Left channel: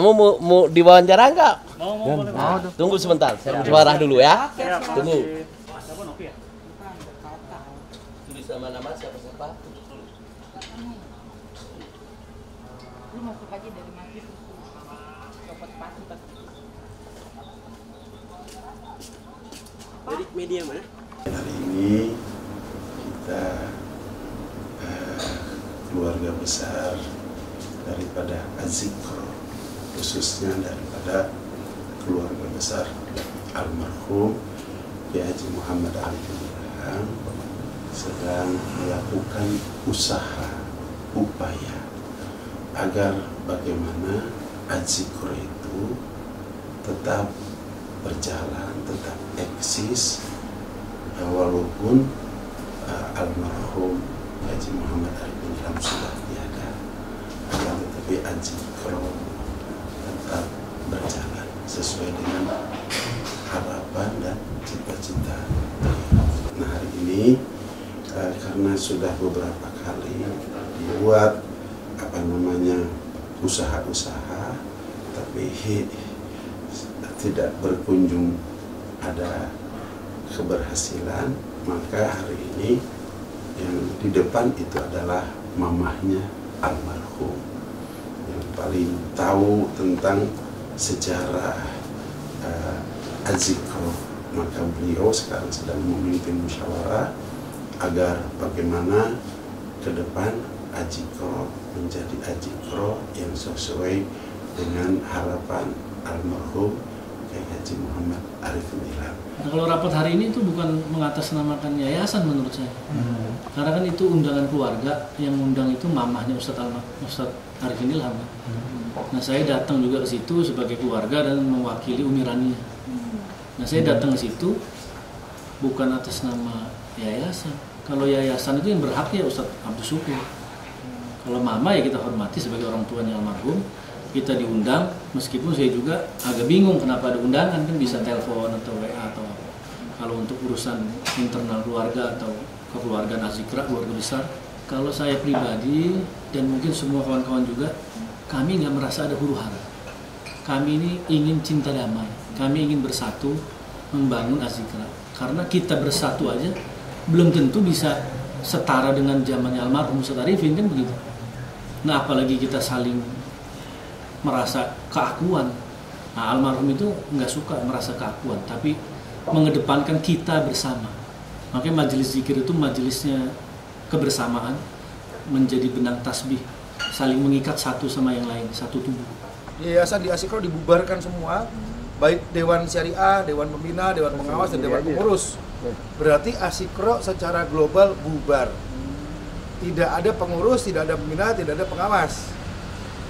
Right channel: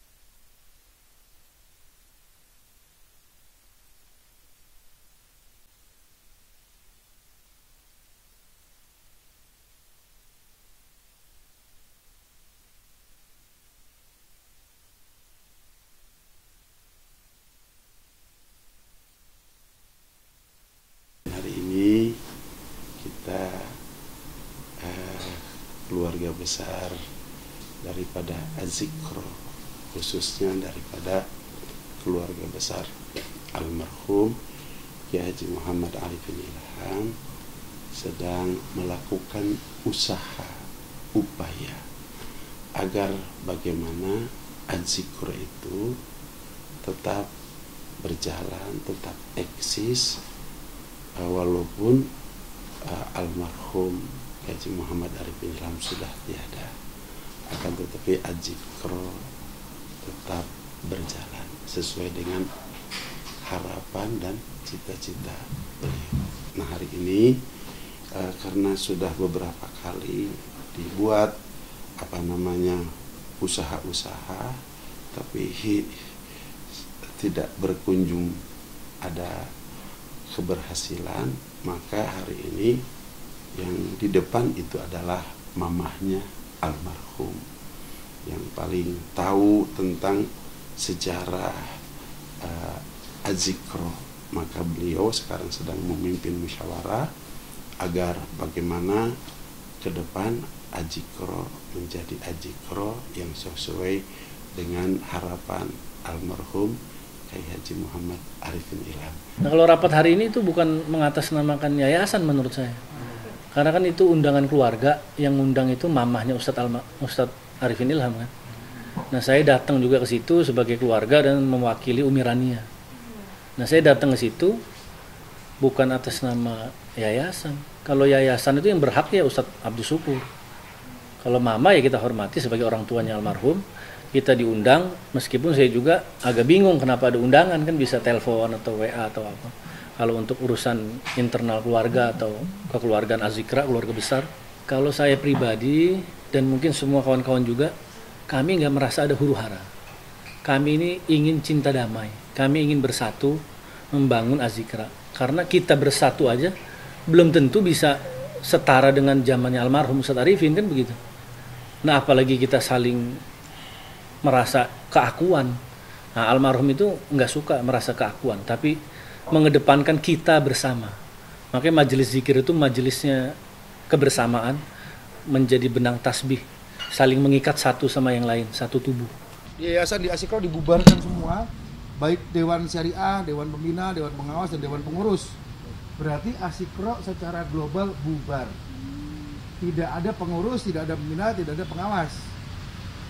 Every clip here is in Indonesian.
Kamu mau diwawancara nggak? Mau. Tunggu sebentar, saya musyawarah dulu ya. Tunggu. Tulis nama-nama siapa-siapa. Media mana? Hari ini kita keluarga besar daripada Az-Zikr, khususnya daripada keluarga besar almarhum Kiai Haji Muhammad Arif bin Ilham sedang melakukan upaya agar bagaimana Az-Zikr itu tetap berjalan, tetap eksis, walaupun almarhum Haji Muhammad Arif bin Ilham sudah tiada, akan tetapi Az-Zikr tetap berjalan sesuai dengan harapan dan cita-cita. Nah, hari ini karena sudah beberapa kali dibuat usaha-usaha, tapi tidak berkunjung ada keberhasilan, maka hari ini yang di depan itu adalah mamahnya almarhum yang paling tahu tentang sejarah Az-Zikr. Maka beliau sekarang sedang memimpin musyawarah agar bagaimana ke depan Az-Zikr menjadi Az-Zikr yang sesuai dengan harapan almarhum Kiai Haji Muhammad Arif bin Ilham. Nah, kalau rapat hari ini itu bukan mengatasnamakan yayasan menurut saya. Karena kan itu undangan keluarga, yang undang itu mamahnya Ustadz Arif bin Ilham kan. Nah, saya datang juga ke situ sebagai keluarga dan mewakili Umi Rania. Nah, saya datang ke situ bukan atas nama yayasan. Kalau yayasan itu yang berhak ya Ustadz Abdus Syukur. Kalau mama ya kita hormati sebagai orang tuanya almarhum. Kita diundang, meskipun saya juga agak bingung kenapa ada undangan, kan bisa telepon atau WA atau apa. Kalau untuk urusan internal keluarga atau kekeluargaan Az-Zikr, keluarga besar, kalau saya pribadi dan mungkin semua kawan-kawan juga, kami nggak merasa ada huru-hara. Kami ini ingin cinta damai, kami ingin bersatu membangun Az-Zikr. Karena kita bersatu aja belum tentu bisa setara dengan zamannya almarhum Ustadz Arifin, kan begitu. Nah, apalagi kita saling merasa keakuan. Nah, almarhum itu nggak suka merasa keakuan, tapi mengedepankan kita bersama. Makanya majelis zikir itu majelisnya kebersamaan, menjadi benang tasbih, saling mengikat satu sama yang lain, satu tubuh. Yayasan di Az-Zikr dibubarkan semua, baik Dewan Syariah, Dewan Pembina, Dewan Pengawas, dan Dewan Pengurus. Berarti Az-Zikr secara global bubar. Tidak ada pengurus, tidak ada pembina, tidak ada pengawas.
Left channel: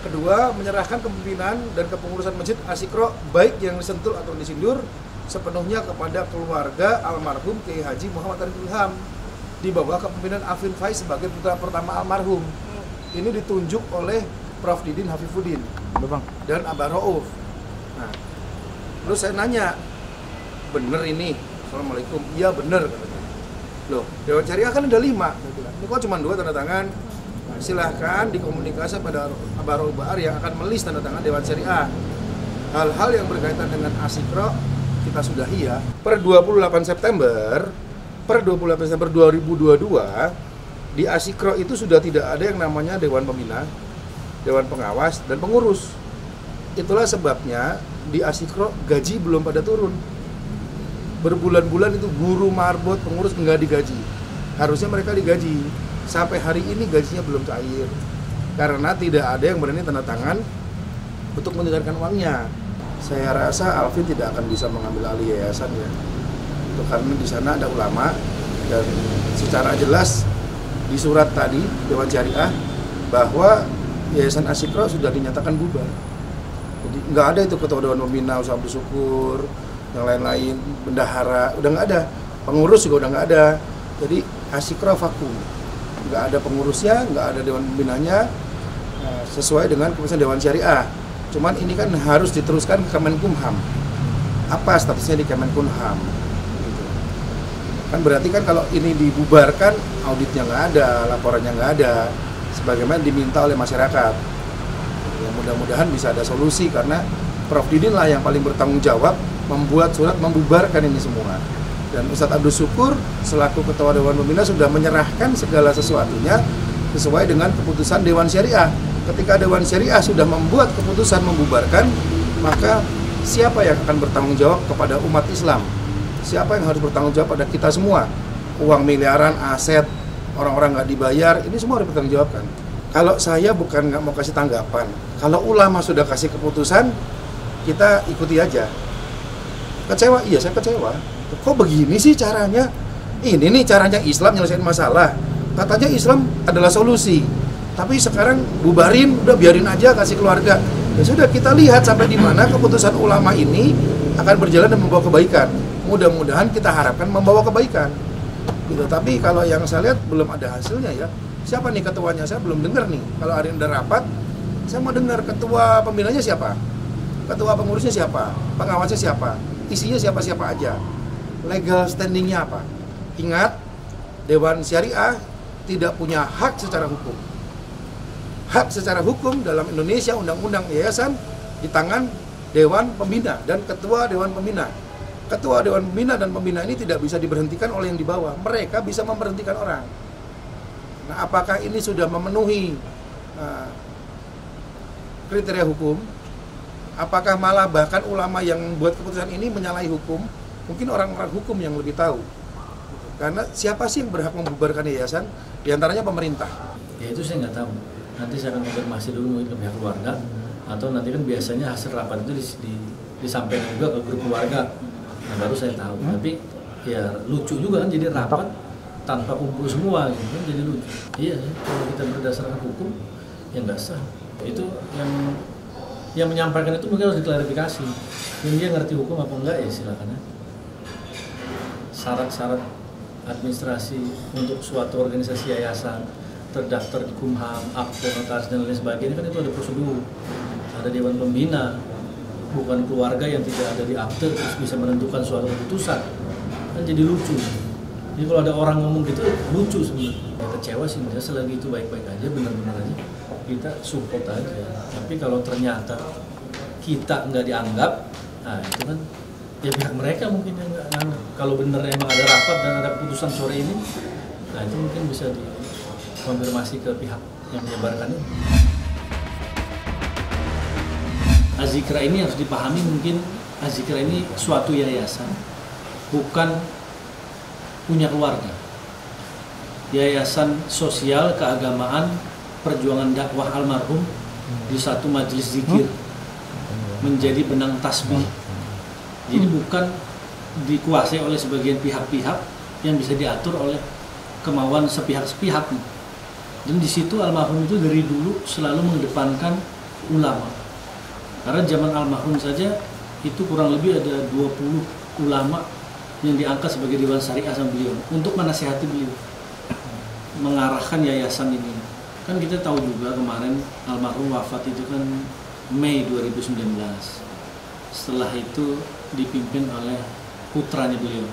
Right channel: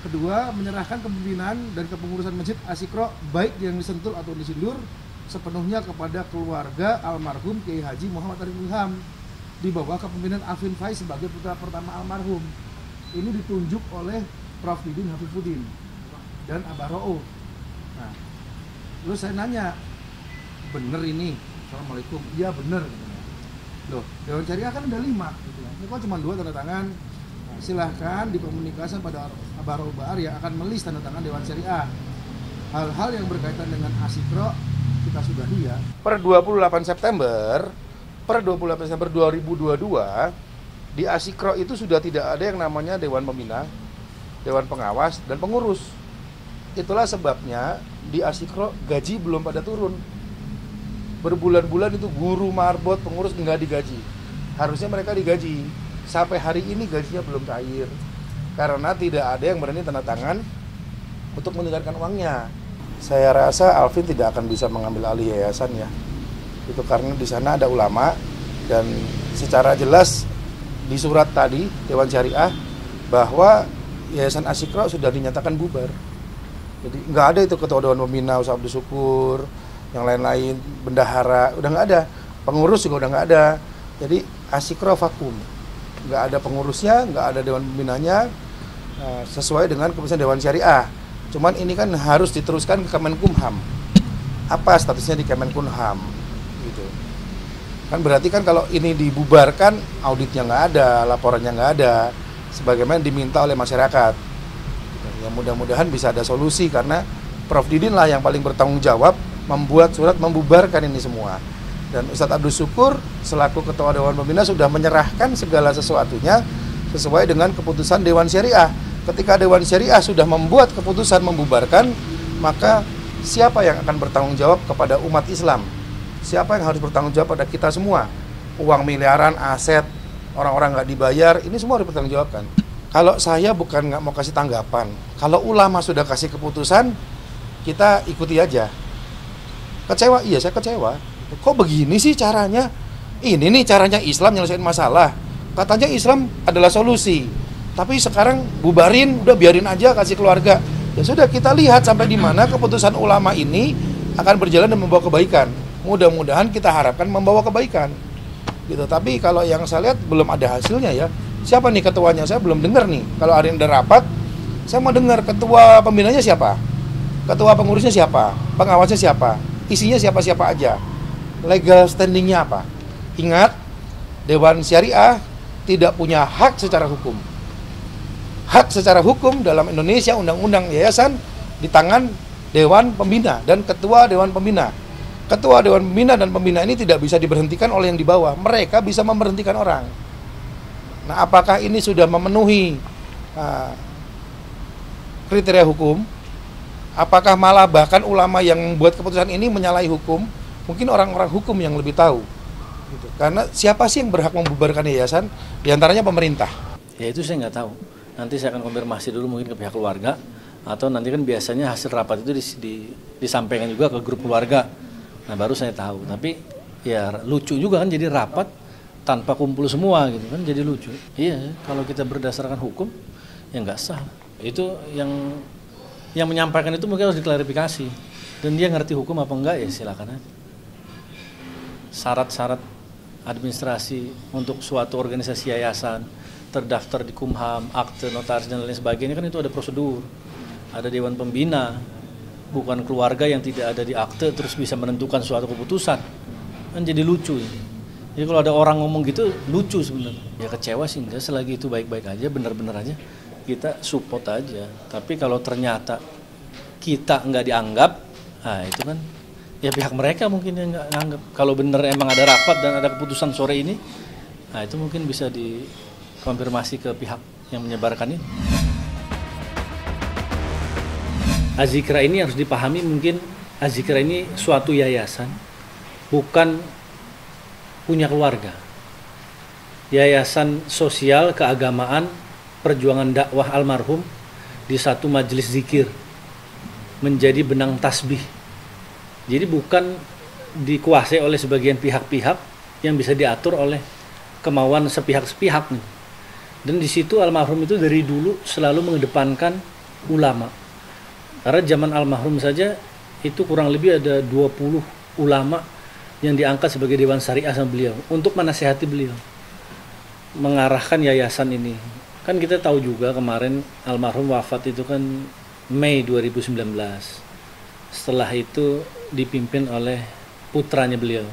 Kedua, menyerahkan kepemimpinan dan kepengurusan masjid Az-Zikr baik yang disentul atau disindur sepenuhnya kepada keluarga almarhum Kiai Haji Muhammad Arif bin Ilham di bawah kepemimpinan Alvin Faiz sebagai putra pertama almarhum. Ini ditunjuk oleh Prof. Didin Hafifuddin dan Abah Rauf. Nah, terus saya nanya, bener ini? Assalamualaikum. Iya bener, katanya. Loh, Dewan Syariah kan ada 5. Ini kok cuma 2 tanda tangan? Silahkan dikomunikasi pada Abah Rauf Bahar yang akan melis tanda tangan Dewan Syariah. Hal-hal yang berkaitan dengan Az-Zikr kita sudahi ya. Per 28 September 2022 di Az-Zikr itu sudah tidak ada yang namanya Dewan Pembina, Dewan Pengawas, dan Pengurus. Itulah sebabnya di Az-Zikr gaji belum pada turun. Berbulan-bulan itu guru, marbot, pengurus nggak digaji. Harusnya mereka digaji. Sampai hari ini gajinya belum cair karena tidak ada yang berani tanda tangan untuk mendengarkan uangnya. Saya rasa Alvin tidak akan bisa mengambil alih yayasan ya. Itu karena di sana ada ulama dan secara jelas di surat tadi Dewan Syariah bahwa Yayasan Az-Zikr sudah dinyatakan bubar. Jadi nggak ada itu ketua Dewan Pembina, Ustadz Abdus Syukur, yang lain-lain, bendahara, udah nggak ada. Pengurus juga udah nggak ada. Jadi Az-Zikr vakum. Nggak ada pengurusnya, nggak ada Dewan Pembinanya, sesuai dengan keputusan Dewan Syariah. Cuman ini kan harus diteruskan ke Kemenkumham. Apa statusnya di Kemenkumham? Kan berarti kan kalau ini dibubarkan, auditnya nggak ada, laporannya nggak ada, sebagaimana diminta oleh masyarakat. Ya mudah-mudahan bisa ada solusi, karena Prof Didin lah yang paling bertanggung jawab membuat surat membubarkan ini semua. Dan Ustadz Abdul Syukur selaku Ketua Dewan Pembina sudah menyerahkan segala sesuatunya sesuai dengan keputusan Dewan Syariah. Ketika Dewan Syariah sudah membuat keputusan membubarkan, maka siapa yang akan bertanggung jawab kepada umat Islam? Siapa yang harus bertanggung jawab pada kita semua? Uang miliaran, aset, orang-orang nggak dibayar, ini semua harus bertanggung jawabkan. Kalau saya bukan nggak mau kasih tanggapan, kalau ulama sudah kasih keputusan, kita ikuti aja. Kecewa? Iya, saya kecewa. Kok begini sih caranya? Ini nih caranya Islam nyelesain masalah. Katanya Islam adalah solusi. Tapi sekarang bubarin, udah biarin aja, kasih keluarga. Ya sudah, kita lihat sampai di mana keputusan ulama ini akan berjalan dan membawa kebaikan. Mudah-mudahan kita harapkan membawa kebaikan. Gitu. Tapi kalau yang saya lihat belum ada hasilnya ya. Siapa nih ketuanya? Saya belum dengar nih. Kalau hari ini ada rapat, saya mau dengar ketua pembinanya siapa? Ketua pengurusnya siapa? Pengawasnya siapa? Isinya siapa-siapa aja? Legal standingnya apa? Ingat, Dewan Syariah tidak punya hak secara hukum. Hak secara hukum dalam Indonesia, undang-undang yayasan di tangan Dewan Pembina dan Ketua Dewan Pembina. Ketua Dewan Pembina dan Pembina ini tidak bisa diberhentikan oleh yang di bawah. Mereka bisa memberhentikan orang. Nah, apakah ini sudah memenuhi kriteria hukum? Apakah malah bahkan ulama yang membuat keputusan ini menyalahi hukum? Mungkin orang-orang hukum yang lebih tahu. Karena siapa sih yang berhak membubarkan yayasan? Di antaranya pemerintah. Ya itu saya nggak tahu. Nanti saya akan konfirmasi dulu mungkin ke pihak keluarga. Atau nanti kan biasanya hasil rapat itu disampaikan juga ke grup keluarga. Nah baru saya tahu. Tapi ya lucu juga kan jadi rapat tanpa kumpul semua gitu kan, jadi lucu. Iya, kalau kita berdasarkan hukum ya nggak sah. Itu yang menyampaikan itu mungkin harus diklarifikasi. Dan dia ngerti hukum apa enggak ya silakan aja. Syarat-syarat administrasi untuk suatu organisasi yayasan terdaftar di Kumham, akte, notaris dan lain sebagainya kan itu ada prosedur, ada dewan pembina, bukan keluarga yang tidak ada di akte terus bisa menentukan suatu keputusan, kan jadi lucu. Jadi kalau ada orang ngomong gitu lucu sebenarnya. Ya kecewa sih, selagi itu baik-baik aja, benar-benar aja kita support aja. Tapi kalau ternyata kita nggak dianggap, nah itu kan ya pihak mereka mungkin yang nggak nganggap. Kalau bener emang ada rapat dan ada keputusan sore ini, nah itu mungkin bisa dikonfirmasi ke pihak yang menyebarkan ini. Azikra ini harus dipahami, mungkin Azikra ini suatu yayasan, bukan punya keluarga. Yayasan sosial keagamaan perjuangan dakwah almarhum di satu majelis zikir menjadi benang tasbih. Jadi bukan dikuasai oleh sebagian pihak-pihak yang bisa diatur oleh kemauan sepihak-sepihak. Dan di situ almarhum itu dari dulu selalu mengedepankan ulama. Karena zaman almarhum saja itu kurang lebih ada 20 ulama yang diangkat sebagai Dewan Syariah sama beliau untuk menasihati beliau, mengarahkan yayasan ini. Kan kita tahu juga kemarin almarhum wafat itu kan Mei 2019. Setelah itu dipimpin oleh putranya beliau,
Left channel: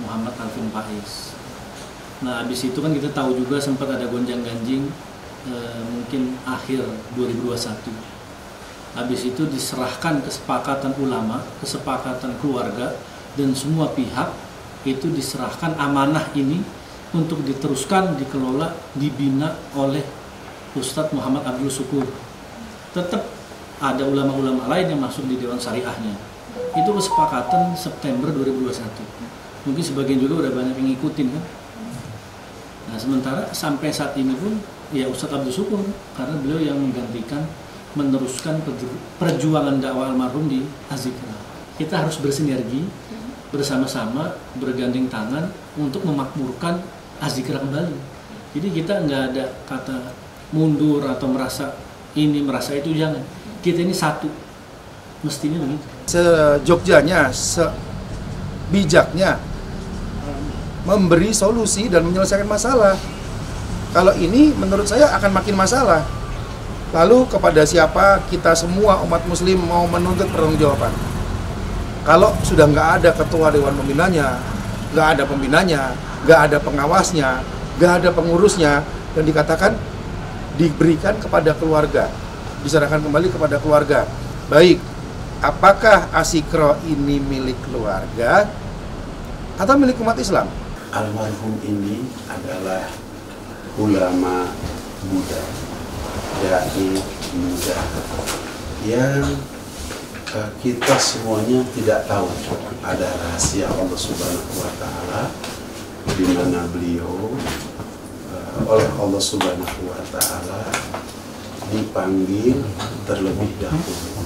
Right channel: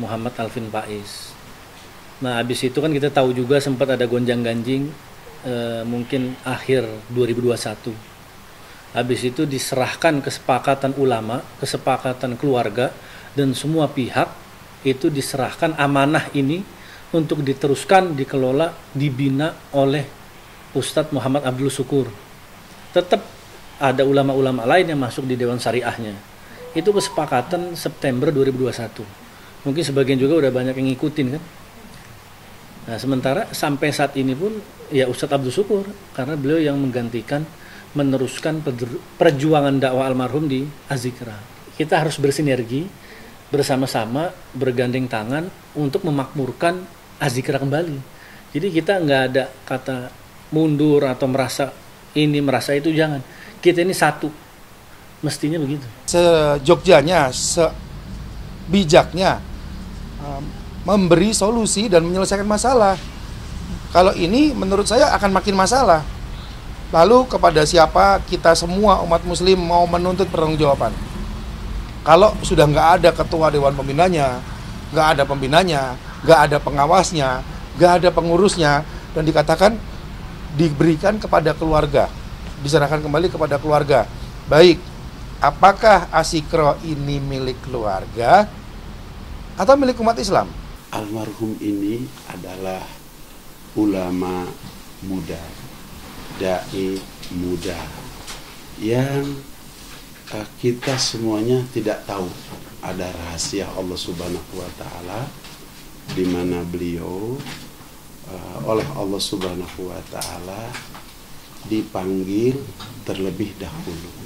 Muhammad Alvin Faiz. Nah, habis itu kan kita tahu juga sempat ada gonjang-ganjing mungkin akhir 2021. Habis itu diserahkan kesepakatan ulama, kesepakatan keluarga, dan semua pihak itu diserahkan amanah ini untuk diteruskan, dikelola, dibina oleh Ustadz Muhammad Abdul Syukur. Tetap ada ulama-ulama lain yang masuk di Dewan Syariahnya. Itu kesepakatan September 2021. Mungkin sebagian juga udah banyak yang ngikutin kan. Nah sementara sampai saat ini pun ya Ustadz Abdul Syukur, karena beliau yang menggantikan, meneruskan perjuangan dakwah almarhum di Azikra. Kita harus bersinergi bersama-sama, bergandeng tangan untuk memakmurkan Azikra kembali. Jadi kita nggak ada kata mundur atau merasa ini merasa itu, jangan. Kita ini satu, mestinya begitu. Sejogjanya, sebijaknya memberi solusi dan menyelesaikan masalah. Kalau ini menurut saya akan makin masalah. Lalu kepada siapa kita semua umat muslim mau menuntut pertanggungjawaban? Kalau sudah nggak ada ketua dewan pembinanya, nggak ada pembinanya, nggak ada pengawasnya, nggak ada pengurusnya, dan dikatakan diberikan kepada keluarga. diserahkan kembali kepada keluarga. Baik, apakah Asyikro ini milik keluarga atau milik umat Islam? Almarhum ini adalah ulama Buddha, dai Buddha, yang kita semuanya tidak tahu ada rahasia Allah Subhanahu wa Ta'ala, di mana beliau oleh Allah Subhanahu wa Ta'ala dipanggil terlebih dahulu.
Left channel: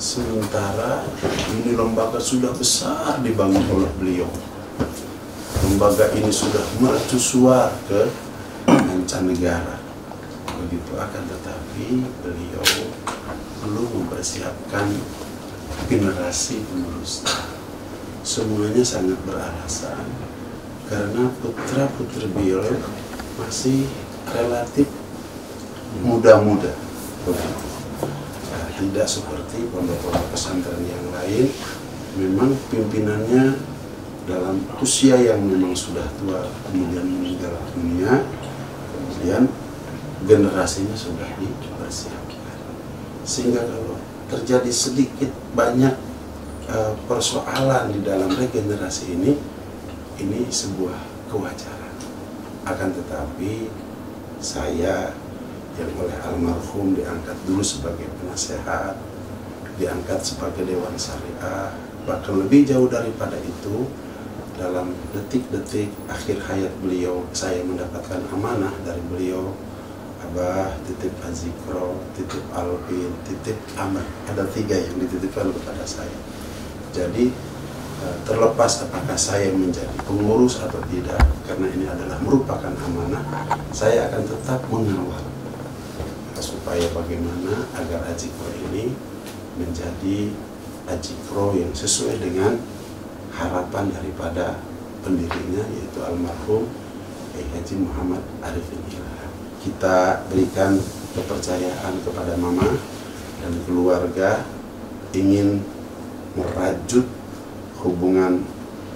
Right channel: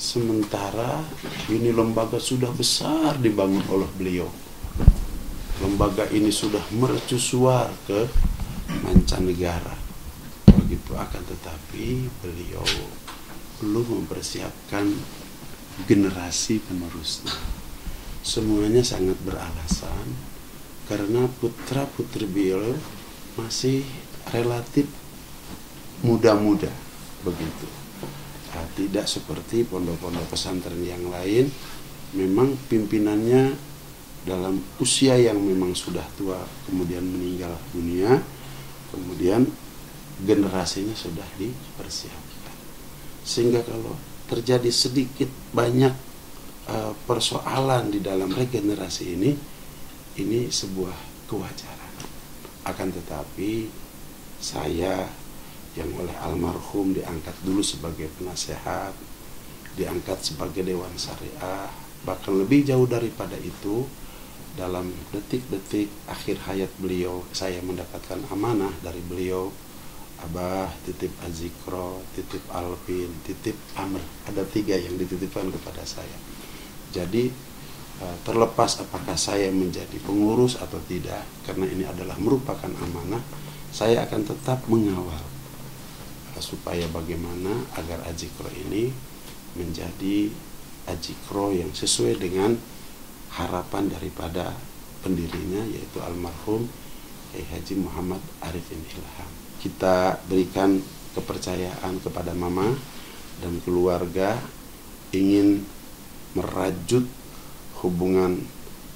Sementara ini lembaga sudah besar dibangun oleh beliau. Lembaga ini sudah mercusuar ke mancanegara. Begitu, akan tetapi beliau belum mempersiapkan generasi penerusnya. Semuanya sangat beralasan karena putra-putri beliau masih relatif muda-muda, begitu. Nah, tidak seperti pondok-pondok pesantren yang lain, memang pimpinannya dalam usia yang memang sudah tua, kemudian meninggal dunia, kemudian generasinya sudah dipersiapkan. Sehingga kalau terjadi sedikit banyak persoalan di dalam regenerasi ini sebuah kewajaran. Akan tetapi saya yang oleh almarhum diangkat dulu sebagai penasehat, diangkat sebagai Dewan Syariah, bahkan lebih jauh daripada itu, dalam detik-detik akhir hayat beliau, saya mendapatkan amanah dari beliau, Abah titip Asyikro, titip Alvin, titip Ahmad. Ada 3 yang dititipkan kepada saya. Jadi terlepas apakah saya menjadi pengurus atau tidak, karena ini adalah merupakan amanah, saya akan tetap mengawal supaya bagaimana agar Asyikro ini menjadi Asyikro yang sesuai dengan harapan daripada pendirinya, yaitu almarhum Haji Muhammad Arifin Ilham. Kita berikan kepercayaan kepada mama dan keluarga, ingin merajut hubungan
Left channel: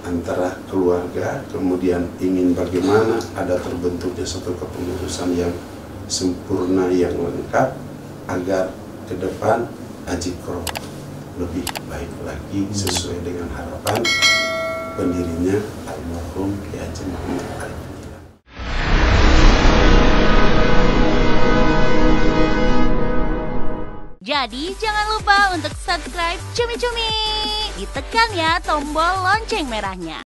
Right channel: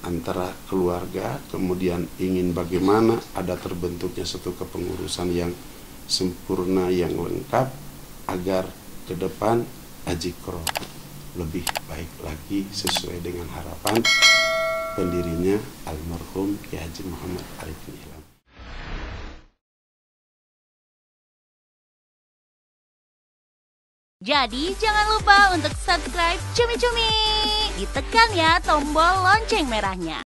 antara keluarga, kemudian ingin bagaimana ada terbentuknya satu kepengurusan yang sempurna, yang lengkap, agar ke depan Asyikro lebih baik lagi sesuai dengan harapan pendirinya almarhum Haji Muhammad Arifin Ilham. Jadi jangan lupa untuk subscribe Cumi Cumi. Ditekan ya tombol lonceng merahnya.